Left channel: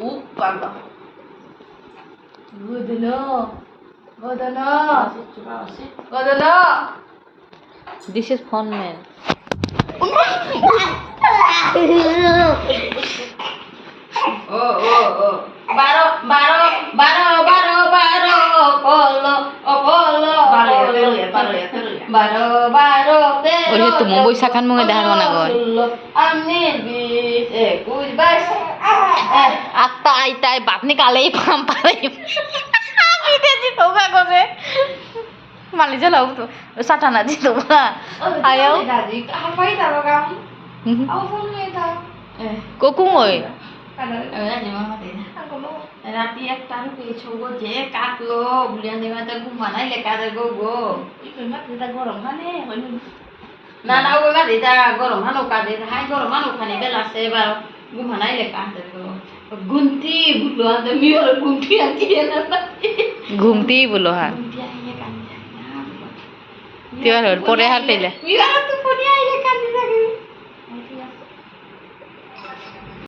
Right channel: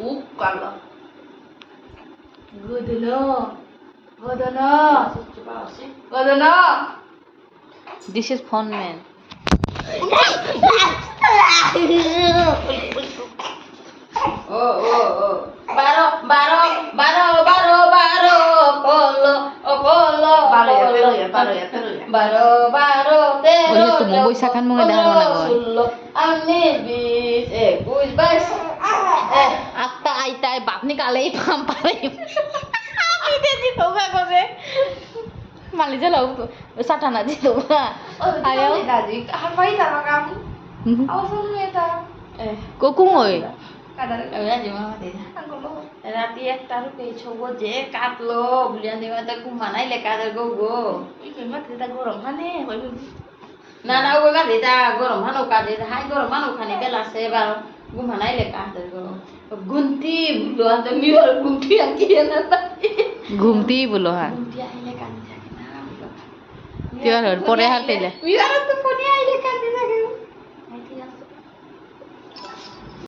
Upala. Godana. Godana. Godana. This is fun man. Oh. Baro. Kolo. Baro. Oye, tu mumbai sakan mo nga dahar mo na goy. Anis bis. Kuis bas. Atta aita बाप निकाले ही palm पारे আমি তেজি তোবা করে মালি জ্বালাও তো সাটানা জি তোবা আয়ো Gaji. Apa itu kamu? Aku full itu. কোকুং ওই রাতে একটা পেয়েছো যে কাটলো বুলিয়ান দেওয়া তো ঘুমানাই লেখা গো গো না না ওই গাড়ি তা গরম হানো কাটে হাই গরম হানো খানি বেলাছে এবার ঘুমানাই লেখা গো গুনতি বুলো আনতে মিওর গুনতি আকি না ঘুমতি বলো হ্যাঁ গুনতি আইলে কানি জানি না তিওয়ার পরে হার পেলে মিওর তো